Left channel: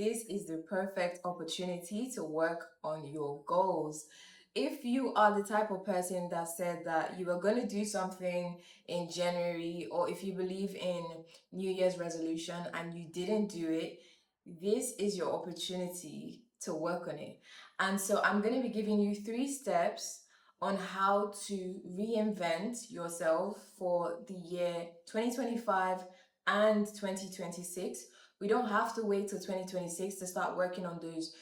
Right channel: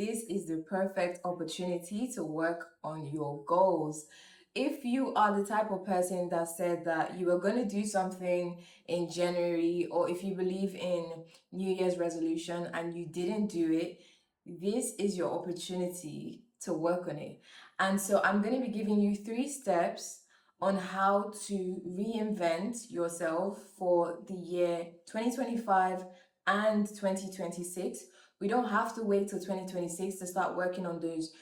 this is the perfect opportunity to work on your goals. If you are the type of person that said that you were going to do something in January, or if you believe in New Year's resolution and you didn't do it, this is your opportunity to work on it. And so I'm going to be giving you 3 steps on how to reinvent yourself for the year 2025 and 2026. We don't have to wait till 2026 to start working on those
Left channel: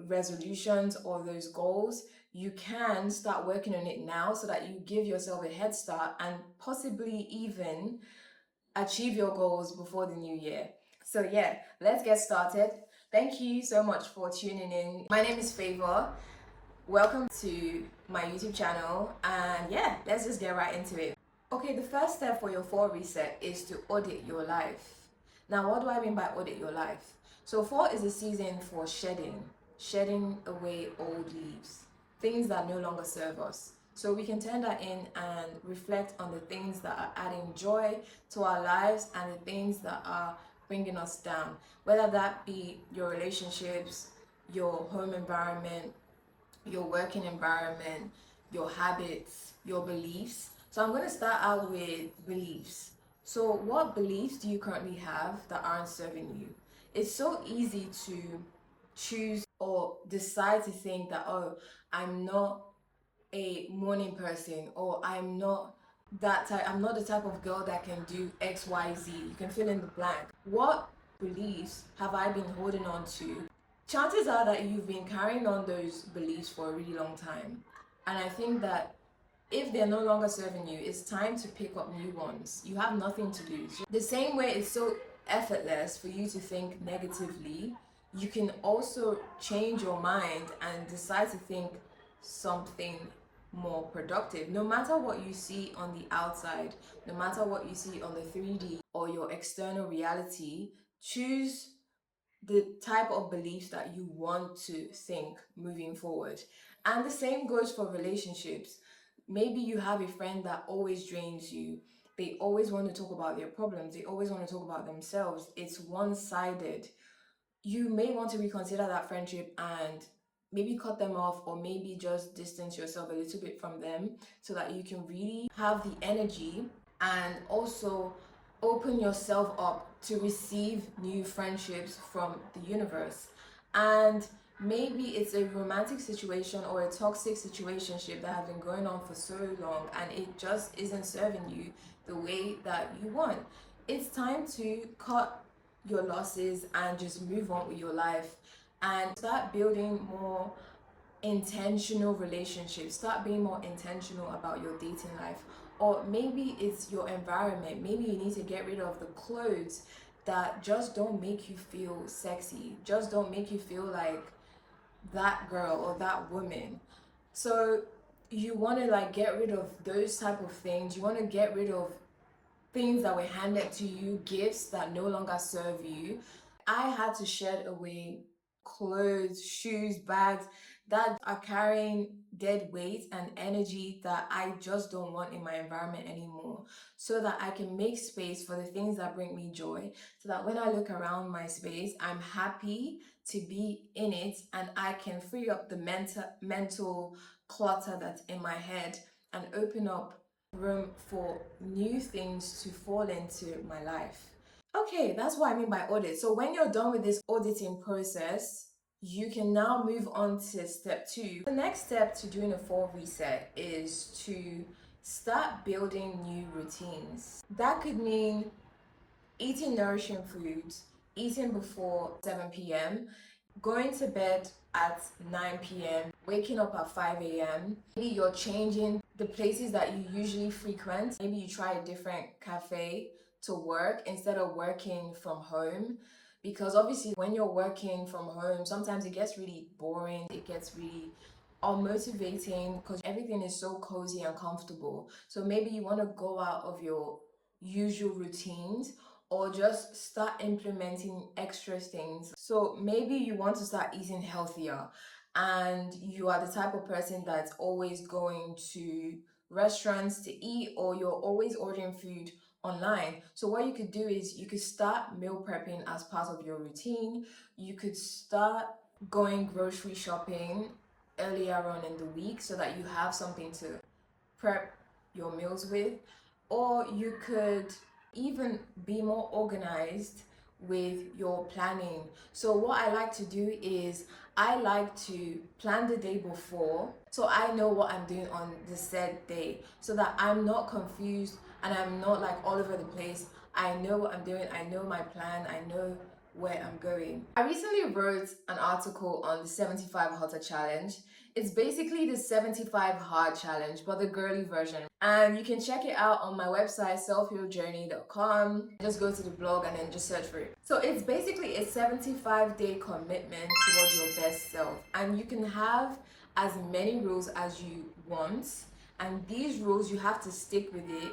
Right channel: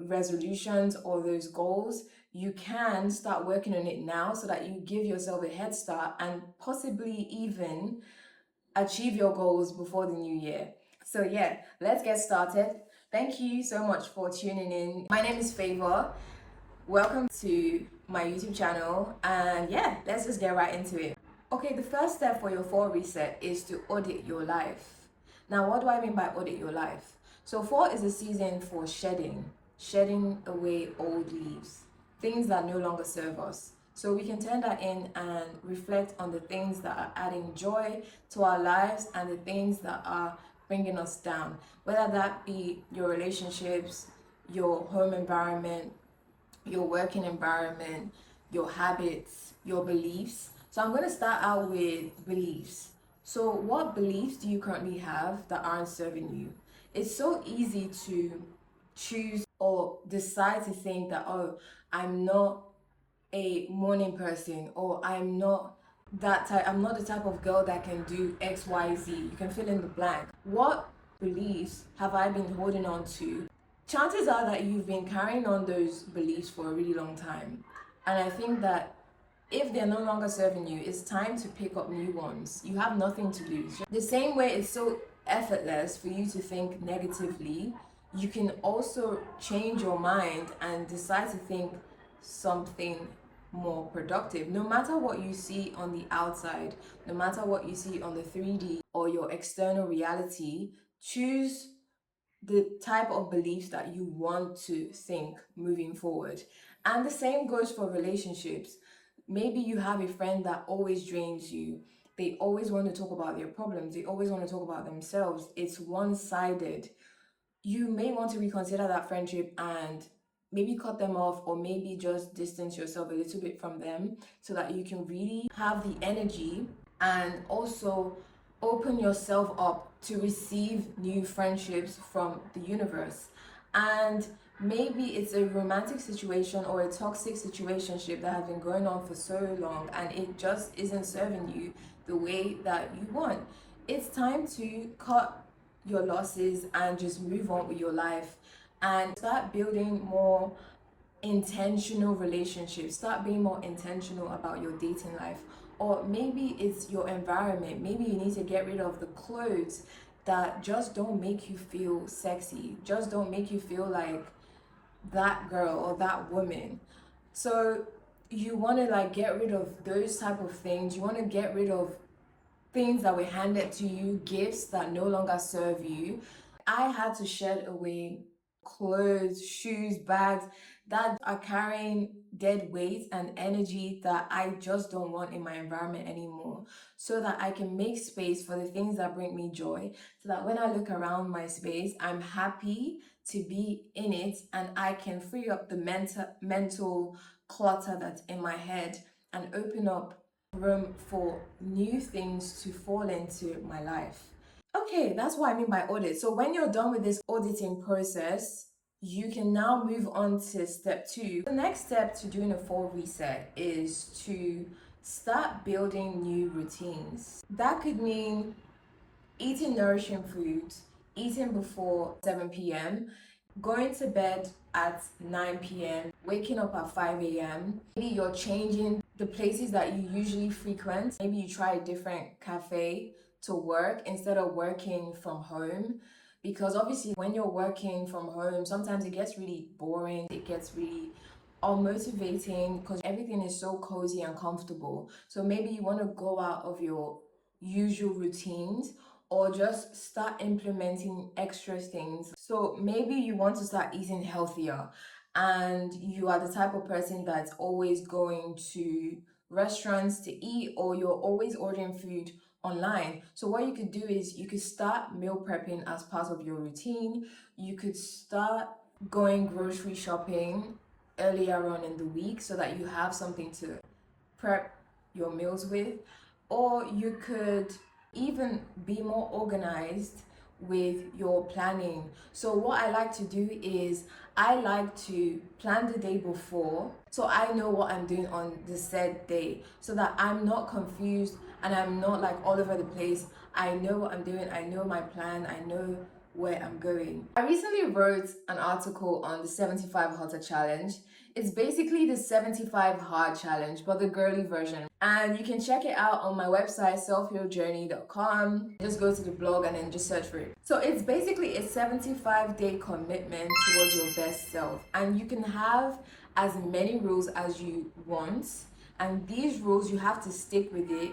resolutions or those goals. You can start working on it now so that you give yourself a head start and possibly even achieve your goals before the new year. So yeah, let's get started. Thank you so much for tuning in. My name is Favor. Welcome to my YouTube channel, and yeah, let's just get right into it. Okay, the first step for your fall reset is to audit your life. Now, what do I mean by audit your life? So fall is a season for shedding away old leaves, things that no longer serve us. So we can turn that in and reflect on the things that are adding joy to our lives and the things that are bringing us down, whether that be your relationships, your home environment, your working environment, your habits, your beliefs. So I'm going to start out with beliefs. So what beliefs do you currently have that aren't serving you? It's so easy to choose or decide to think that, oh, I'm not a morning person, or I'm not the type of girl that can do XYZ. You can fill in the blank. What beliefs have I been holding on to? Chances are that you've been carrying on those beliefs for a really long time. And I think that if they're no longer serving you, it's time to pick up new ones. You have nothing to lose. The same way it's so effortless for you to think negatively, you can also change your mind and decide to think something more productive. No matter what you see on the outside, no matter what you see on the 3D or your external reality, choose the type of beliefs that you want to think moving forward. And the same goes for relationships. Maybe you have a friend that always drains you. They always want to talk about their problems. They always want to talk about themselves. It's one-sided. You may want to reconsider that friendship and maybe cut them off, or maybe just distance yourself a little bit from them so that you can really have the energy and also open yourself up to receive new friendships from the universe. And maybe it's a romantic situation or a toxic situationship that has been going on for so long and it just isn't serving you the way that you want. It's time to cut your losses and just move on with your life and start building more intentional relationships. Start being more intentional about your dating life. Or maybe it's your environment. Maybe you need to get rid of the clothes that just don't make you feel sexy, just don't make you feel like that girl or that woman. So you want to like get rid of those type of things. You want to get rid of things that were handed to you, gifts that no longer serve you. I had to shed away clothes, shoes, bags that are carrying dead weight and energy that I just don't want in my environment anymore, so that I can make space for the things that bring me joy, so that when I look around my space, I'm happy to be in it and I can free up the mental clutter that's in my head and open up room for new things to fall into my life. Okay, that's what I mean by audit. So when you're done with this auditing process, you can now move on to step 2. The next step to doing a fall reset is to start building new routines. That could mean eating nourishing foods, eating before 7 p.m., going to bed at 9 p.m., waking up at 5 a.m. Maybe you're changing the places that you usually frequent. Maybe you try a different cafe to work instead of working from home. Because obviously, when you're working from home, sometimes it gets really boring, it gets really unmotivating because everything is so cozy and comfortable. So maybe you want to go out of your usual routines or just start implementing extra things. So maybe you want to start eating healthier and you are the type of person that's always going to restaurants to eat, or you're always ordering food online. So what you could do is you could start meal prepping as part of your routine. You could start going grocery shopping earlier on in the week so that you have something to prep your meals with, or you could even be more organized with your planning. So what I like to do is I like to plan the day before so I know what I'm doing on the said day so that I'm not confused and I'm not like all over the place. I know what I'm doing, I know my plan, I know where I'm going. I recently wrote an article on the 75 Hotter Challenge. It's basically the 75 Hard Challenge, but the girly version. And you can check it out on my website, selfhealjourney.com. Just go to the blog and then just search for it. So it's basically a 75-day commitment towards your best self. And you can have as many rules as you want. And these rules, you have to stick with it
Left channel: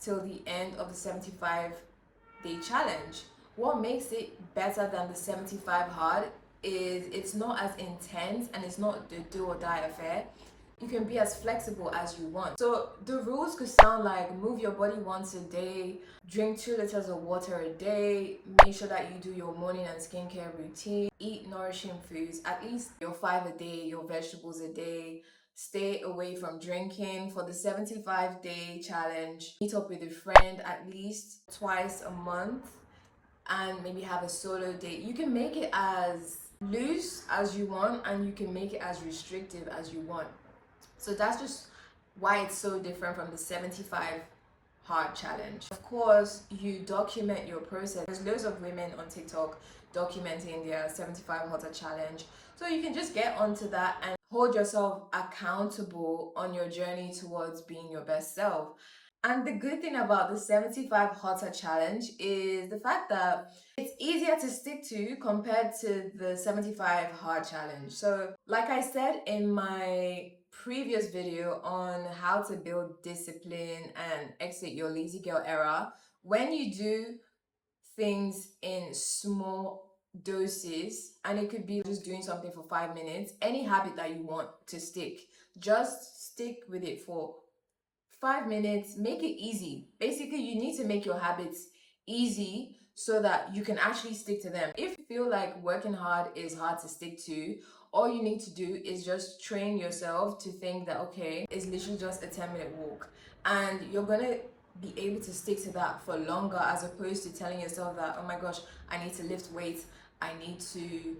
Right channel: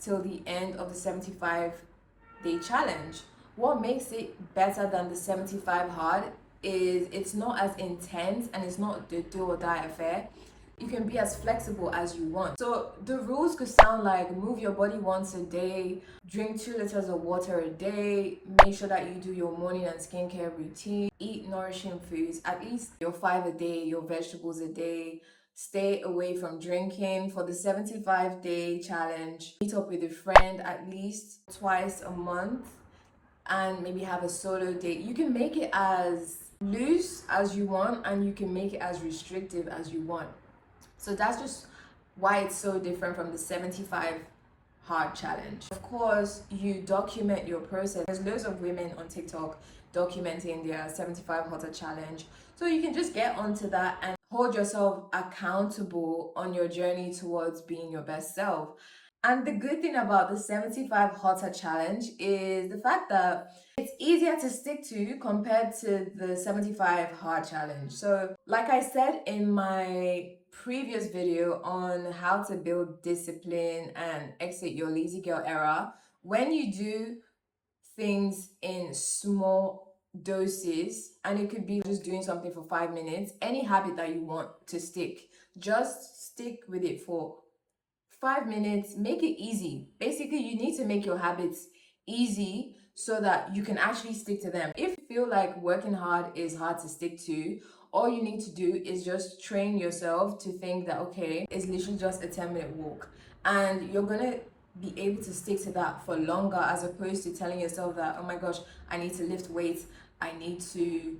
till the end of the 75-day challenge. What makes it better than the 75 hard is it's not as intense and it's not the do or die affair. You can be as flexible as you want. So the rules could sound like move your body once a day, drink 2 liters of water a day, make sure that you do your morning and skincare routine, eat nourishing foods, at least your 5 a day, your vegetables a day, stay away from drinking for the 75-day challenge, meet up with a friend at least twice a month, and maybe have a solo date. You can make it as loose as you want and you can make it as restrictive as you want. So that's just why it's so different from the 75 hard challenge. Of course, you document your process. There's loads of women on TikTok documenting their 75 hotter challenge. So you can just get onto that and hold yourself accountable on your journey towards being your best self. And the good thing about the 75 hotter challenge is the fact that it's easier to stick to compared to the 75 hard challenge. So, like I said in my previous video on how to build discipline and exit your lazy girl era, when you do things in small doses, and it could be just doing something for 5 minutes, any habit that you want to stick, just stick with it for 5 minutes. Make it easy. Basically, you need to make your habits easy so that you can actually stick to them. If you feel like working hard is hard to stick to, all you need to do is just train yourself to think that, okay, it's literally just a 10-minute walk. And you're gonna be able to stick to that for longer, as opposed to telling yourself that, oh my gosh, I need to lift weights, I need to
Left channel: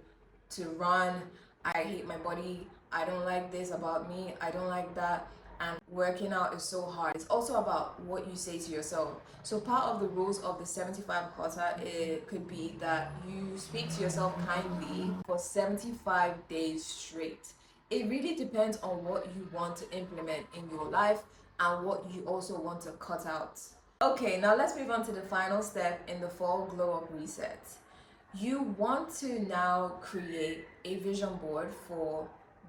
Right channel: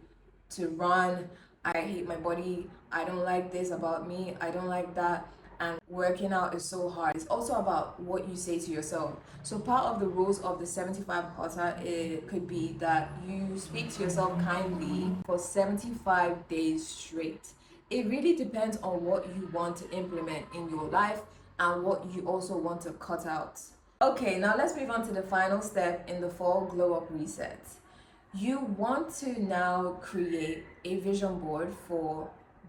run, I hate my body, I don't like this about me, I don't like that. And working out is so hard. It's also about what you say to yourself. So part of the rules of the 75 hotter, it could be that you speak to yourself kindly for 75 days straight. It really depends on what you want to implement in your life and what you also want to cut out. Okay, now let's move on to the final step in the fall glow up reset. You want to now create a vision board for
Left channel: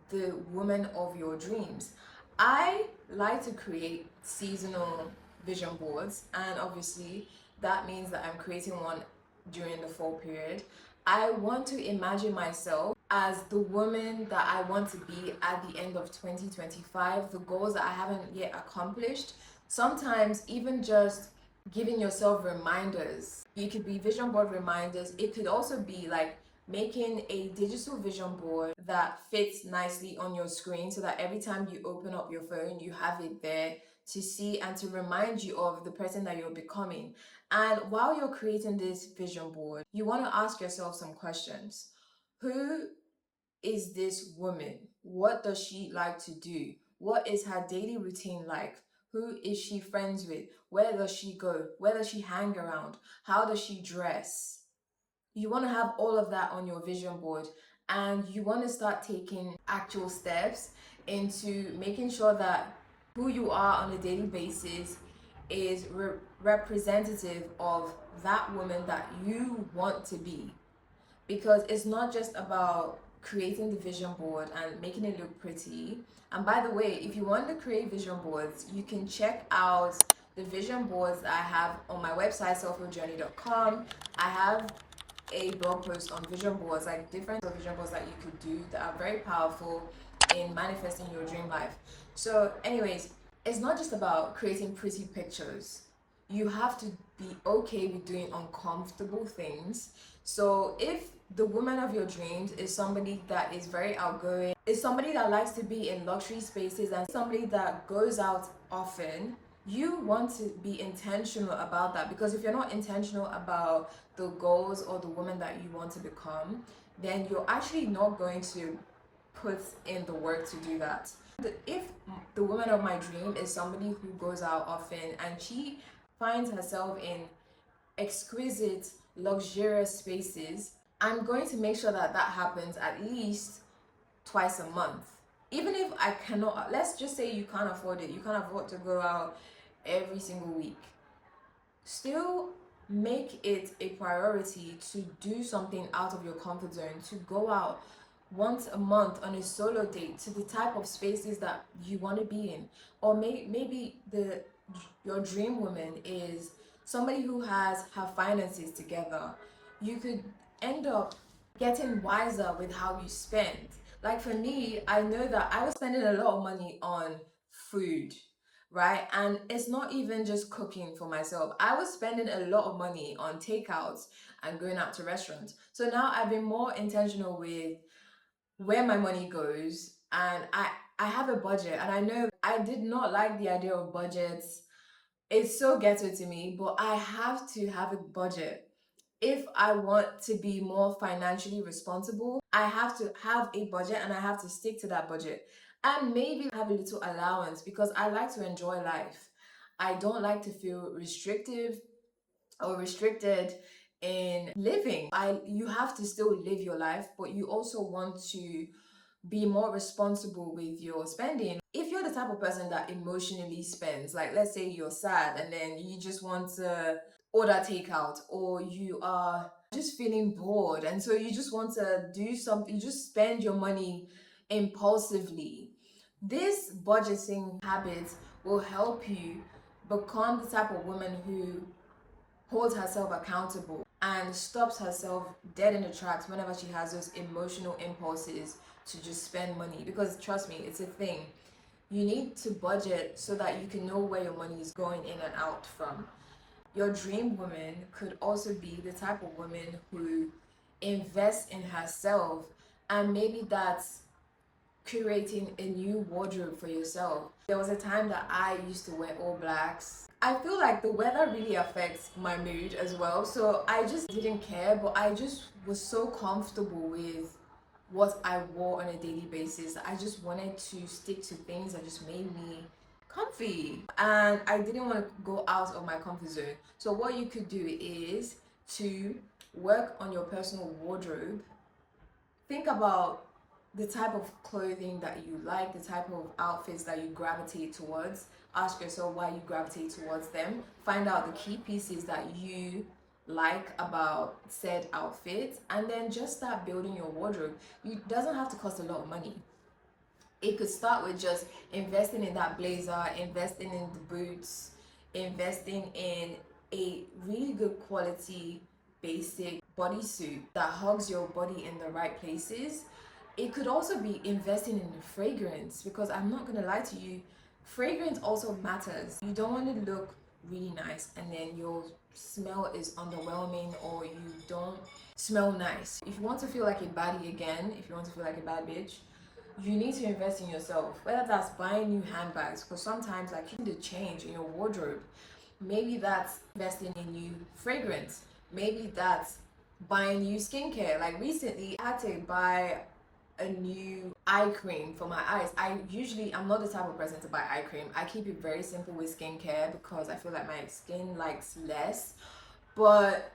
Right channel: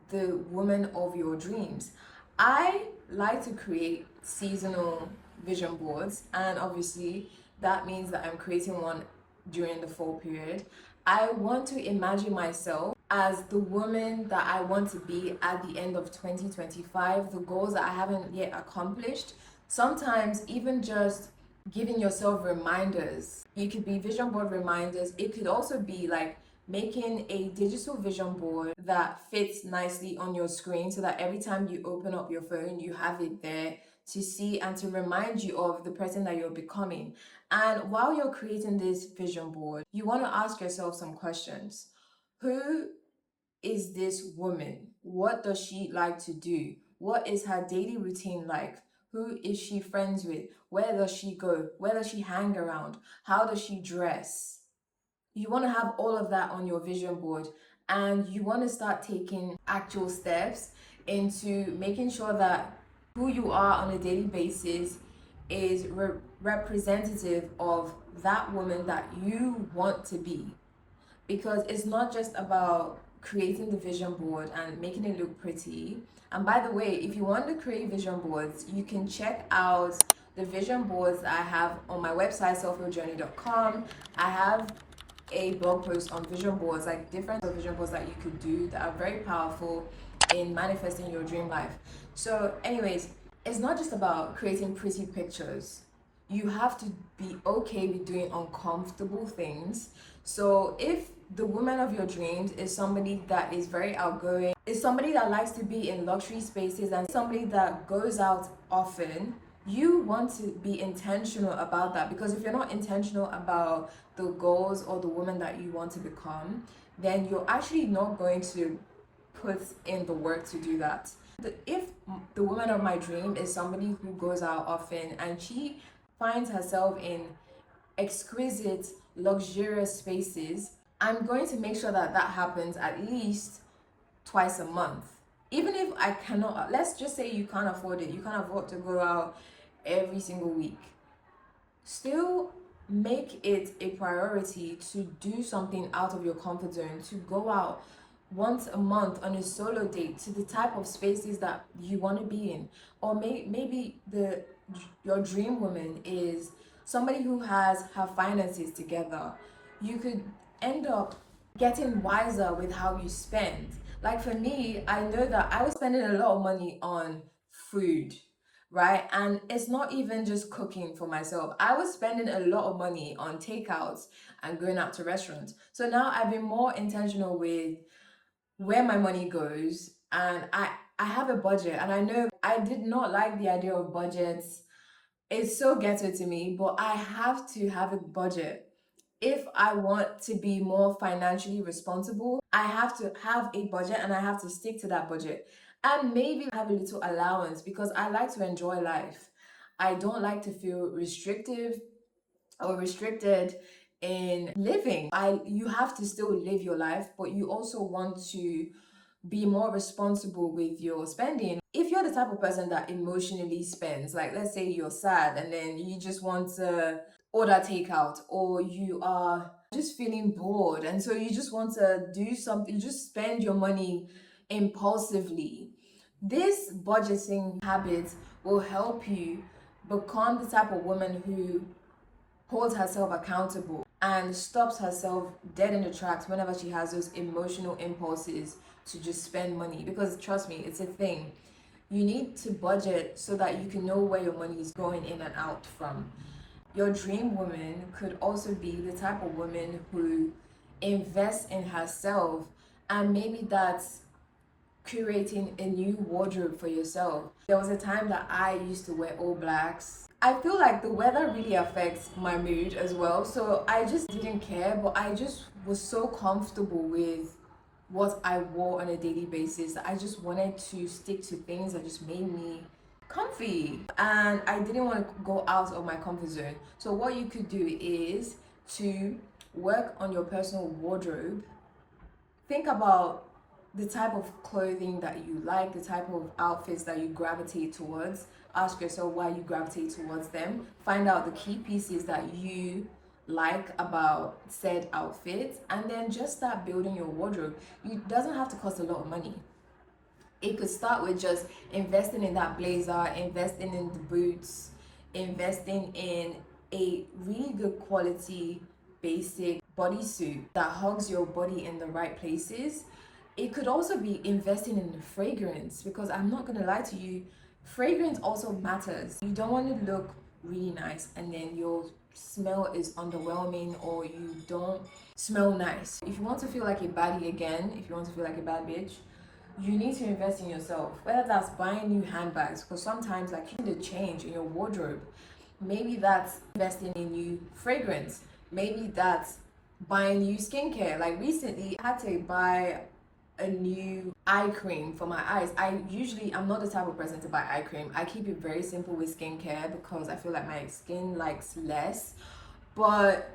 the woman of your dreams. I like to create seasonal vision boards, and obviously that means that I'm creating one during the fall period. I want to imagine myself as the woman that I want to be at the end of 2025, the goals that I haven't yet accomplished. Sometimes even just giving yourself reminders. You could be vision board reminders. It could also be like making a digital vision board that fits nicely on your screen so that every time you open up your phone, you have it there to see and to remind you of the person that you're becoming. And while you're creating this vision board, you want to ask yourself some questions. Who is this woman? What does she like to do? What is her daily routine like? Who is she friends with? Where does she go? Where does she hang around? How does she dress? You want to have all of that on your vision board, and you want to start taking actual steps into making sure that who you are on a daily basis is representative of that woman that you want to be. Because it's not just about creating the vision board and making it look pretty. And by the way, if you want to create vision boards, you can check out the vision boards that I have on my website, selfhealjourney.com. I have a blog post on vision boards, like different vision boards that you could do that are very powerful in manifesting your dream life. So anyways, it's not just about creating pretty pictures. you have to be okay with doing uncomfortable things. So if the woman of your dreams is somebody that is very outgoing, is somebody that likes to be in luxury spaces, and somebody that goes out often, you want to be intentional about that. Because if you're not intentional about the goals or the woman that you want to become, then you're actually not going to put in the work to do that. If the woman of my dream is somebody who goes out often and she finds herself in exquisite, luxurious spaces, I'm going to make sure that that happens at least twice a month. Even if I cannot, let's just say you can't afford it, you can't afford to go out every single week, still make it a priority to do something out of your comfort zone, to go out once a month on a solo date to the type of spaces that you want to be in. Or maybe your dream woman is somebody who has her finances together. You could end up getting wiser with how you spend. Like for me, I know that I was spending a lot of money on food, right? And it's not even just cooking for myself. I was spending a lot of money on takeouts and going out to restaurants. So now I've been more intentional with where my money goes, and I have a budget, and I know I did not like the idea of budgets. It's so ghetto to me, but I have to have a budget. If I want to be more financially responsible, I have to have a budget and I have to stick to that budget. And maybe have a little allowance because I like to enjoy life. I don't like to feel restrictive or restricted in living. You have to still live your life, but you also want to be more responsible with your spending. If you're the type of person that emotionally spends, like let's say you're sad and then you just want to order takeout, or you are just feeling bored and so you just want to do something, you just spend your money impulsively. This budgeting habit will help you become the type of woman who holds herself accountable and stops herself dead in the tracks whenever she has those emotional impulses to just spend money. Because trust me, it's a thing. You need to budget so that you can know where your money is going in and out from. Your dream woman could also be the type of woman who invests in herself, and maybe that's curating a new wardrobe for yourself. There was a time that I used to wear all blacks. I feel like the weather really affects my mood as well. So I just didn't care, but I just was so comfortable with what I wore on a daily basis. I just wanted to stick to things that just made me comfy. And I didn't want to go out of my comfort zone. So what you could do is to work on your personal wardrobe. Think about the type of clothing that you like, the type of outfits that you gravitate towards. Ask yourself why you gravitate towards them. Find out the key pieces that you like about said outfit, and then just start building your wardrobe. It doesn't have to cost a lot of money. It could start with just investing in that blazer, investing in the boots, investing in a really good quality basic bodysuit that hugs your body in the right places. It could also be investing in the fragrance, because I'm not gonna lie to you, fragrance also matters. You don't want to look really nice and then your smell is underwhelming, or you don't smell nice. If you want to feel like a baddie again, if you want to feel like a bad bitch, you need to invest in yourself, whether that's buying new handbags, because sometimes like you need a change in your wardrobe. Maybe that's investing in new fragrance. Maybe that's buying new skincare. Like recently I had to buy a new eye cream for my eyes. I'm not the type of person to buy eye cream. I keep it very simple with skincare because I feel like my skin likes less. But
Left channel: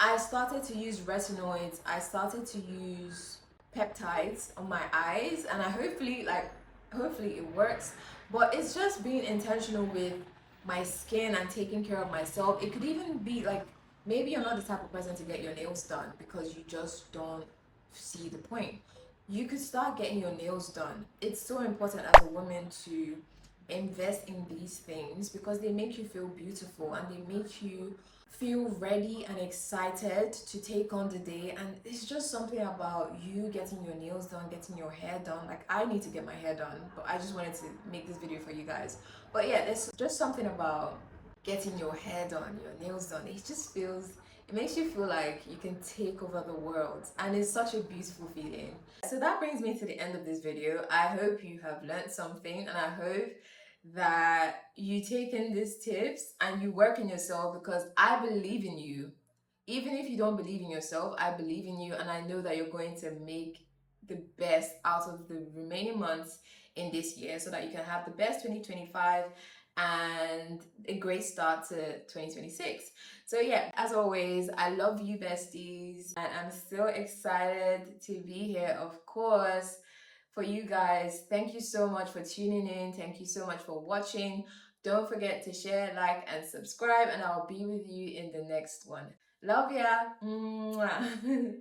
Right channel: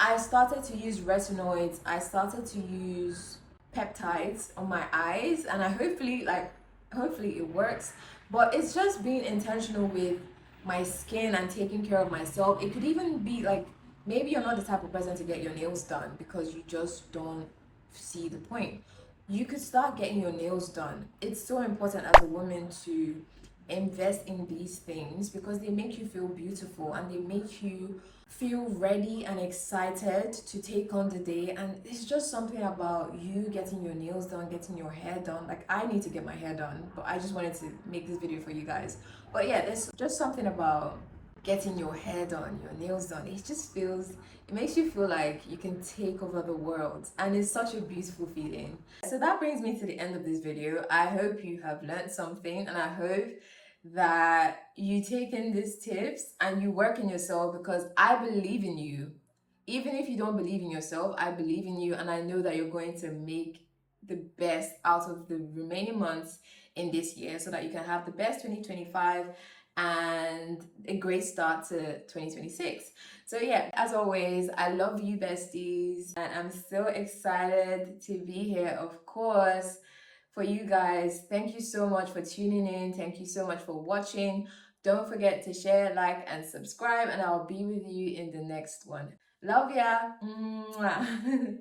I started to use retinoids, I started to use peptides on my eyes, and hopefully it works. But it's just being intentional with my skin and taking care of myself. It could even be like, maybe you're not the type of person to get your nails done because you just don't see the point. You could start getting your nails done. It's so important as a woman to invest in these things because they make you feel beautiful and they make you feel ready and excited to take on the day. And it's just something about you getting your nails done, getting your hair done. Like I need to get my hair done, but I just wanted to make this video for you guys. But yeah, there's just something about getting your hair done, your nails done. It just feels, it makes you feel like you can take over the world, and it's such a beautiful feeling. So that brings me to the end of this video. I hope you have learned something, and I hope that you take in these tips and you work in yourself, because I believe in you. Even if you don't believe in yourself, I believe in you, and I know that you're going to make the best out of the remaining months in this year, so that you can have the best 2025 and a great start to 2026. So yeah, as always, I love you, besties, and I'm still excited to be here, of course, for you guys. Thank you so much for tuning in. Thank you so much for watching. Don't forget to share, like, and subscribe, and I'll be with you in the next one. Love ya. Mwah.